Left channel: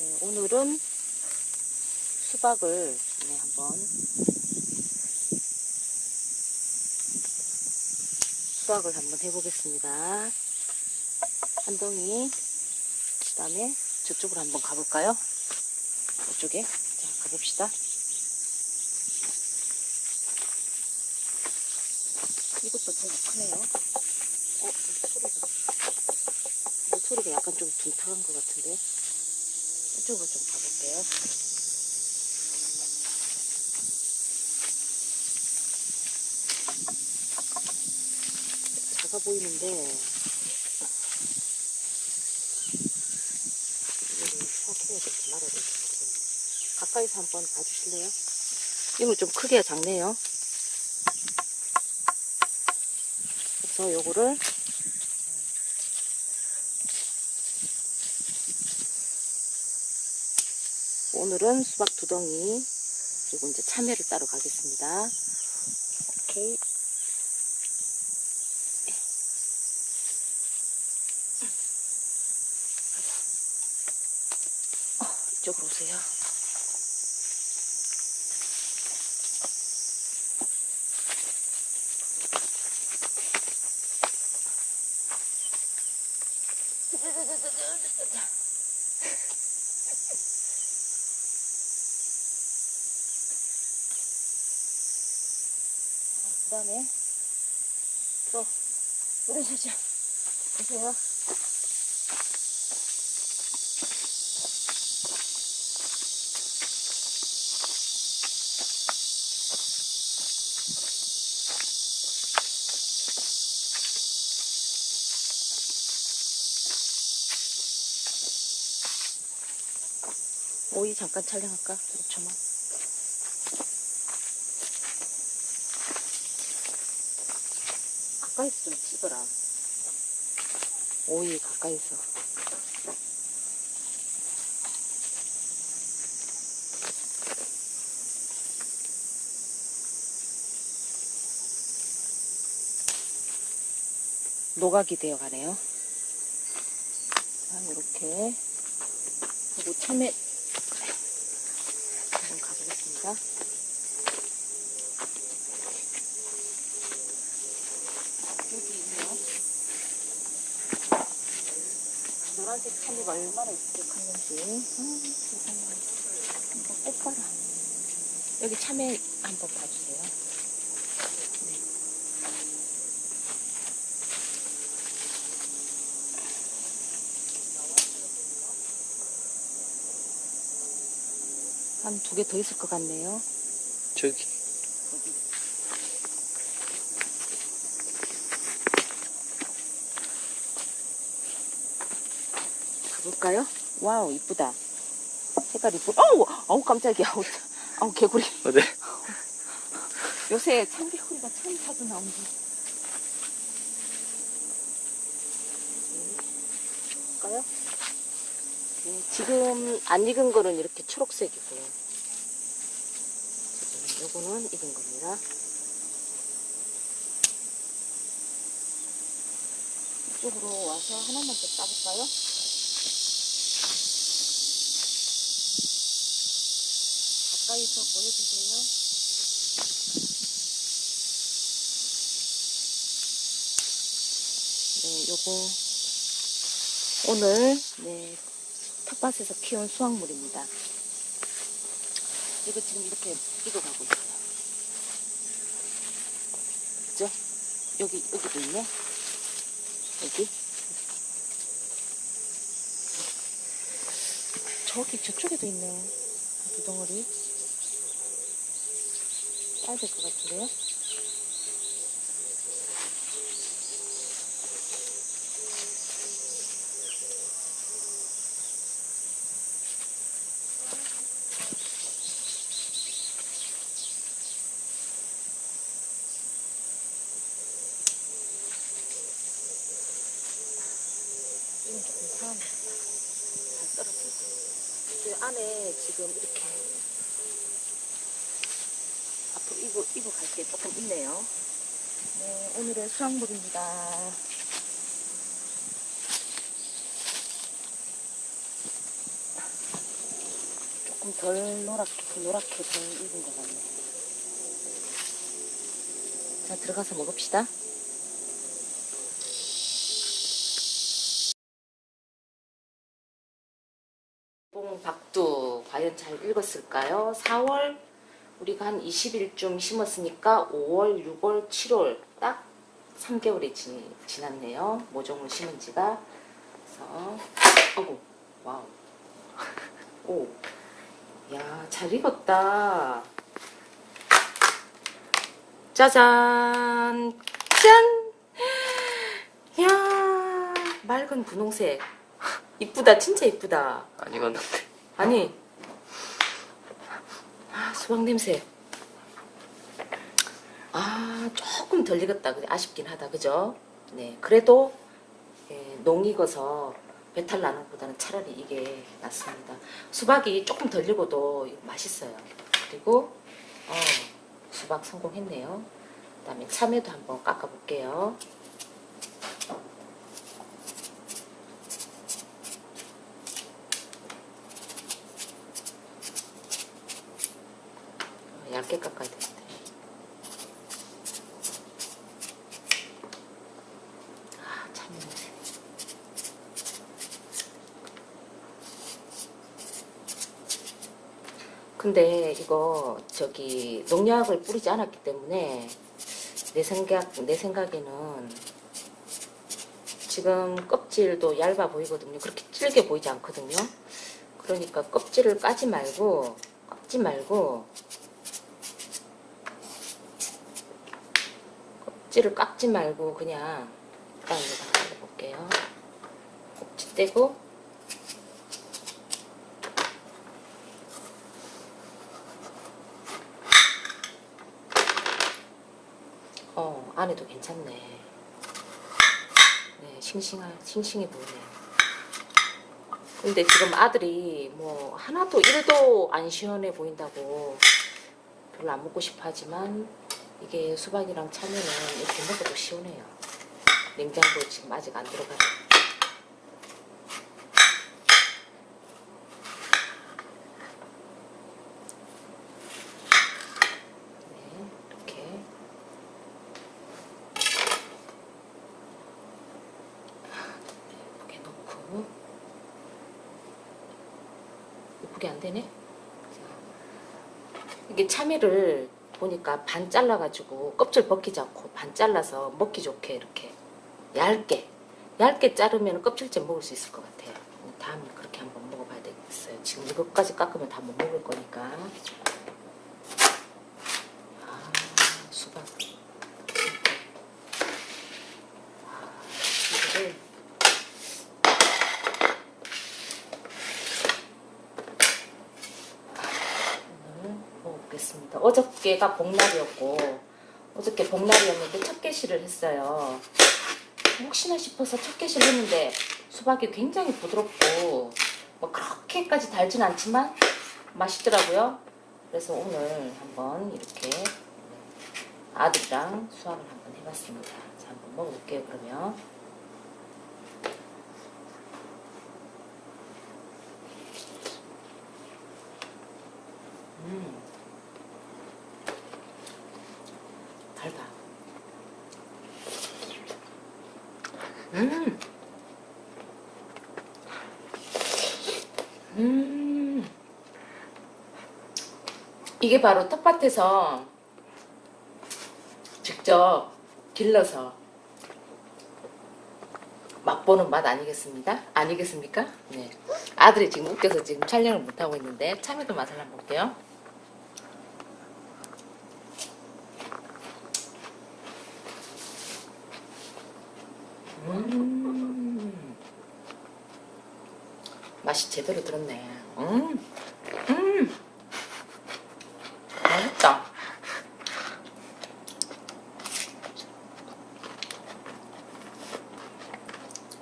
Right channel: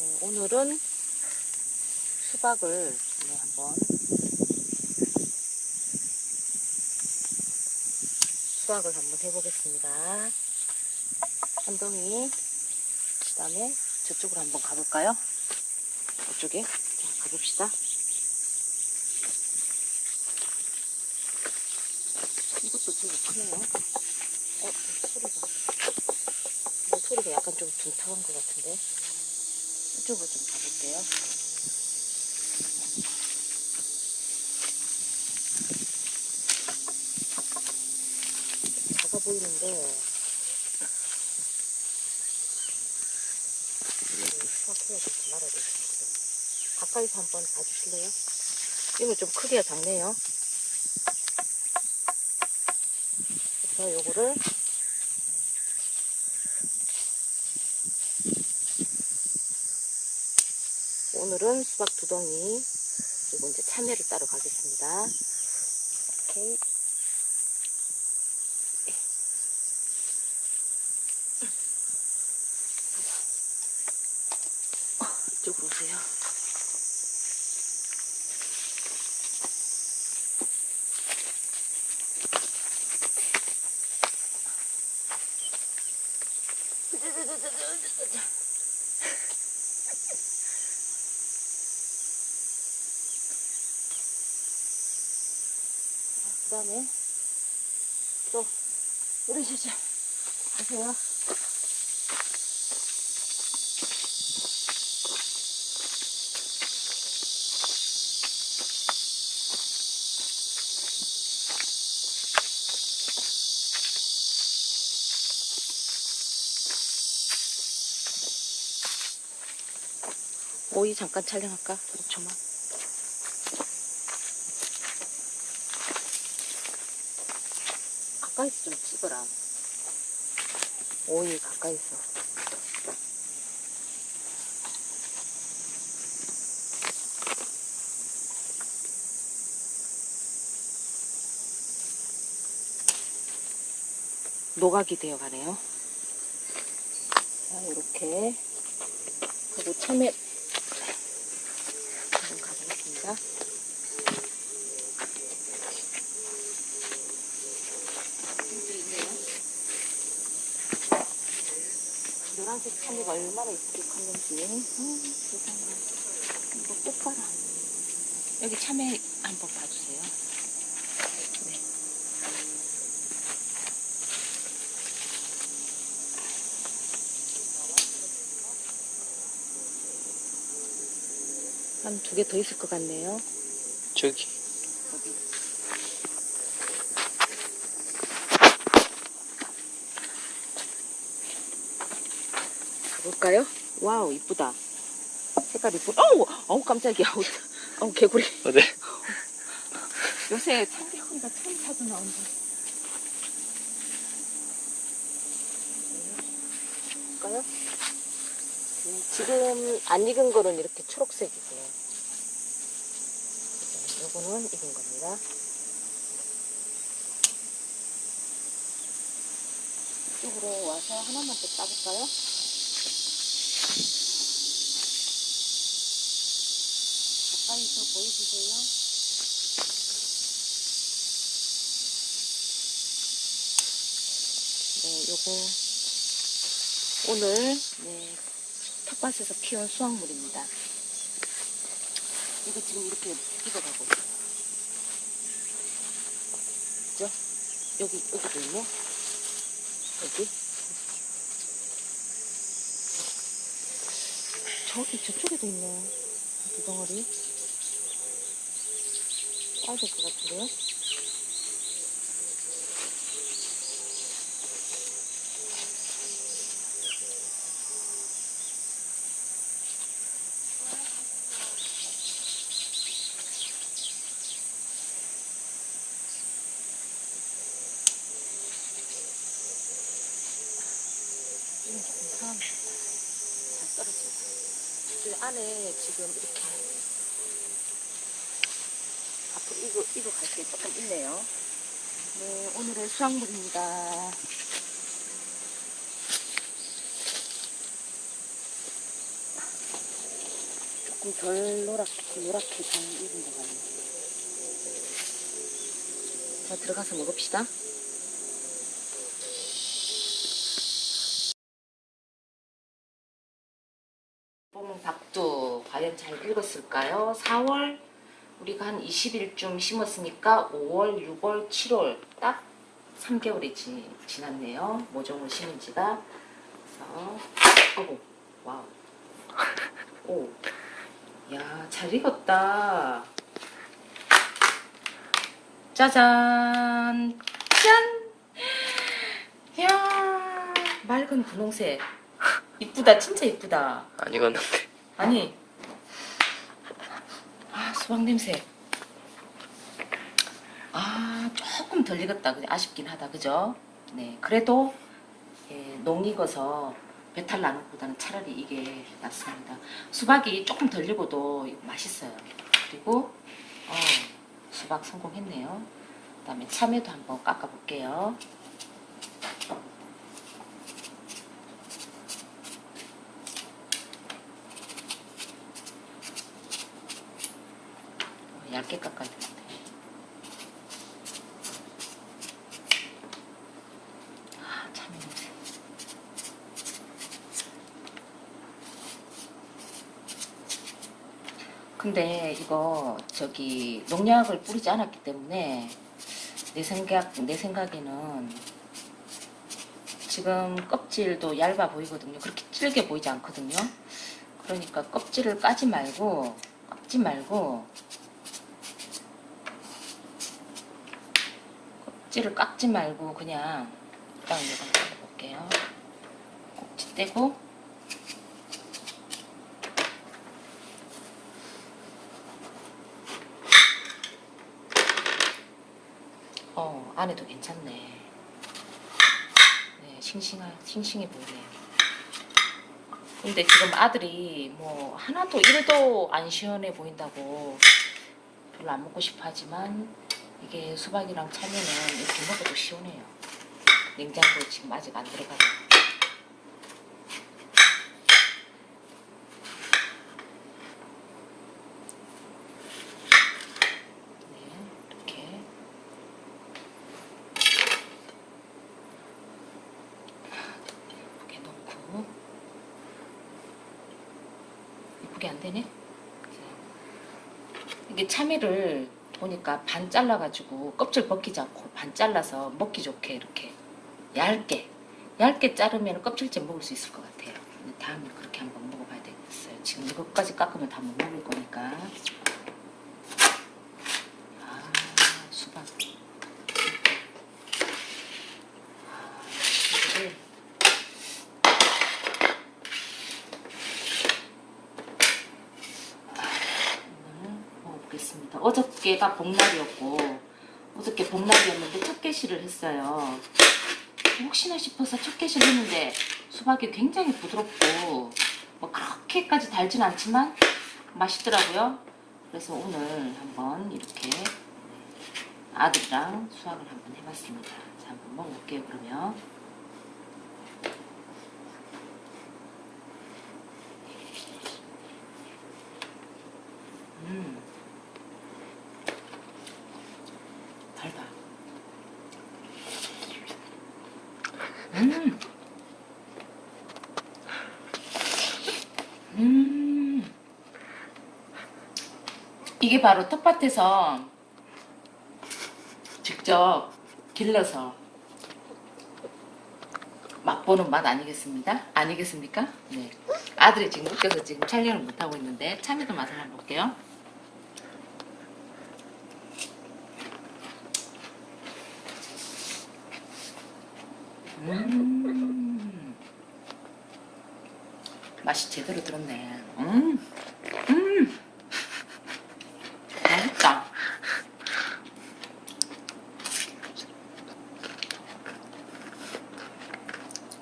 네, 오늘은 수박을 네, 한번 수박을 한번 해보겠습니다. 한 덩이, 그 다음에 저쪽으로 한번 가볼까요? 이쪽에 자, 가봅시다. 이것도 되게 크네요. 어, 이 소리가. 이 소리가 약간 좀 둔탁한 것 같은데. 이쪽으로 좀 가볼게요. 작아 보이는데, 이거를 수확해야 될지 말아야 모르겠네요. 가까이서 한번 봐주실래요? 이거 좀 크기가 작네요. 그래서 요거를 오늘은 수박 두 덩이 그리고 이제 참외를 따러 가겠습니다. 오케이. 어, 이쪽으로 오세요. 그 다음에 또 어르시죠 보세요 오이 잠깐 촬영할까? 5초만 가까이서 좀 찍어라. 오이 가까이서. 노각이 되어 가네요. 자, 이렇게 하고 참외 한번 가보겠습니다. 여기 있네요. 노란색 참이가 얼마나 이쁘게 컸는지. 음, 세상에. 이거 꽃 봐라. 여기 참외 한번 봐주세요. 네. 한 두 개 더 있을 것 같네요. 저기 여기. 볼까요? 와우, 이쁘다. 색깔 이쁘다. 어우, 어우, 깜짝이야. 아우, 아우, 개구리. 어디? 요새 참개구리가 참 자주 나온다. 볼까요? 네, 지금 안 익은 거는 이렇게 초록색이고요. 지금 요거는 익은 겁니다. 이쪽으로 와서 하나만 더 따볼까요? 가까이서 보여주세요. 네, 요거 오늘 네, 텃밭에서 키운 수확물입니다. 이거 지금 이렇게 익어가고 있어요. 그죠? 여기 여기도 있네. 여기 저기 저쪽에도 있네요. 두 덩어리. 될것 같은데요? 그 안에 지금 이렇게 이거, 이거 갈게 조금 있네요. 네, 오늘의 수확물입니다. 조금 덜 노랗게, 노랗게 좀 익은 것 같네. 자, 들어가서 먹읍시다. 뽕 박두 과연 잘 익었을까요? 4월 우리가 한 20일쯤 심었으니까 5월, 6월, 7월 딱 3개월이 지, 지났네요. 모종을 심은 지가. 그래서 어구 와우. 오. 야, 잘 익었다. 짜잔. 짠. 야, 맑은 분홍색. 이쁘다, 진짜 이쁘다. 안 익었는데. 아니, 아, 수박 냄새. 아, 조금 덜 익었다. 아쉽긴 하다. 그죠? 네. 그래도, 예, 농 익어서 배탈 나는 것보다는 차라리 이게 낫습니다. 수박이 조금 덜 익어도 맛있어요. 그리고, 어, 수박 성공했네요. 그 다음에 참외도 한번 깎아볼게요. 얇게 깎아야 되는데. 아, 참 냄새. 근데 이거 저기 농약을 뿌리지 않았기 때문에 내 생각 내 생각에는 지금 껍질도 얇아 보이거든요. 그렇게 질게 보이지 않거든요. 그러니까 껍질을 까지 말고 꺾지 말고 껍질을 깎지 말고 그냥 깎는 거 해볼게요. 껍질 떼고 어 안에도 괜찮네. 네 싱싱한 싱싱해 보이네요. 근데 지금 아들이 뭐 하나도 1도 안 시원해 보인다고 별로 안 먹고 싶어 하지만 이게 수박이랑 참외는 이렇게 먹어도 시원해요. 냉장고에 지금 아직 안 들어가요. 네, 이렇게. 넣고. 이쁘게 안 되네? 자, 이게 참외를 보니까 반 잘라가지고 껍질 벗기지 않고 반 잘라서 먹기 좋게 이렇게 얇게 얇게 자르면 껍질째 먹을 수 있을 것 같아요. 다음에 그렇게 한번 먹어봐야 되겠어요. 지금 이것까지 깎으면 다 못 먹을 거니까. 아, 수박. 아, 이거를 오늘 먹 어저께가 복날이었고 어저께 복날이었는데 첫 개시를 했어요. 혹시나 싶어서 첫 개시를 했는데 수박이 굉장히 부드럽고 뭐 그렇게까지 달진 않지만 맛있더라고요. 그래서 오늘 한번 이렇게 네, 아들이랑 수학을 한번 해봤습니다. 자, 한번 먹어볼게요. 그러면 음. 달다. 음. 음. 이게 바로 텃밭에서 직접 길러서 맛보는 맛 아니겠습니까? 아니겠습니까? 네. 아들이 지금 웃겨서 지금 촬영을 못하고 있는데 참외도 맛을 한번 볼게요. 음. 맛이 제대로 들었네. 음. 음. 맛있다.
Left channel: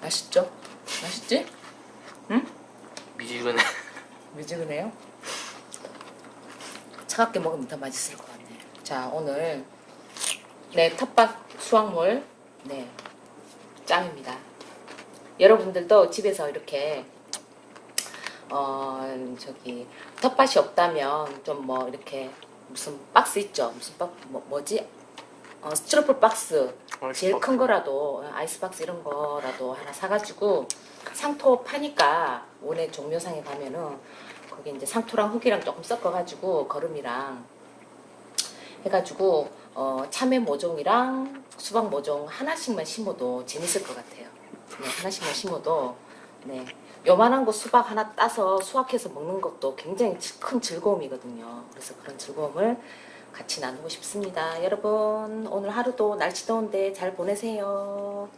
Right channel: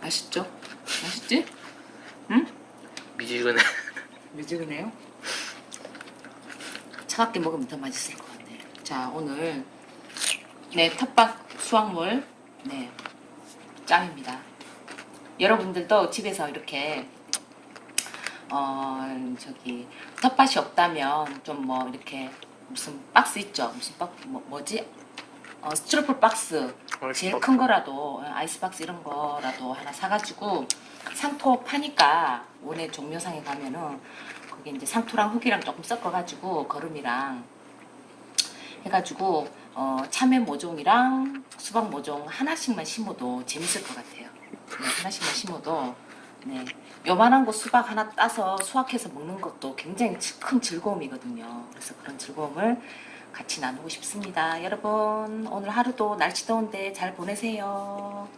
맛있죠? 맛있지? 응? 미지근해. 미지근해요? 차갑게 먹으면 더 맛있을 것 같네. 자, 오늘 네 텃밭 수확물 네 짱입니다. 여러분들도 집에서 이렇게 어 저기 텃밭이 없다면 좀 뭐 이렇게 무슨 박스 있죠? 무슨 박 뭐, 뭐지? 어, 스티로폼 박스. 제일 큰 거라도 아이스박스 이런 거라도 하나 사가지고 상토 파니까 오늘 종묘상에 가면은 거기 이제 상토랑 흙이랑 조금 섞어가지고 거름이랑 해가지고 어, 참외 모종이랑 수박 모종 하나씩만 심어도 재밌을 것 같아요. 네, 하나씩만 심어도 네 요만한 거 수박 하나 따서 수확해서 먹는 것도 굉장히 큰 즐거움이거든요. 그래서 그런 즐거움을 같이 나누고 싶습니다. 여러분 오늘 하루도 날씨 더운데 잘 보내세요.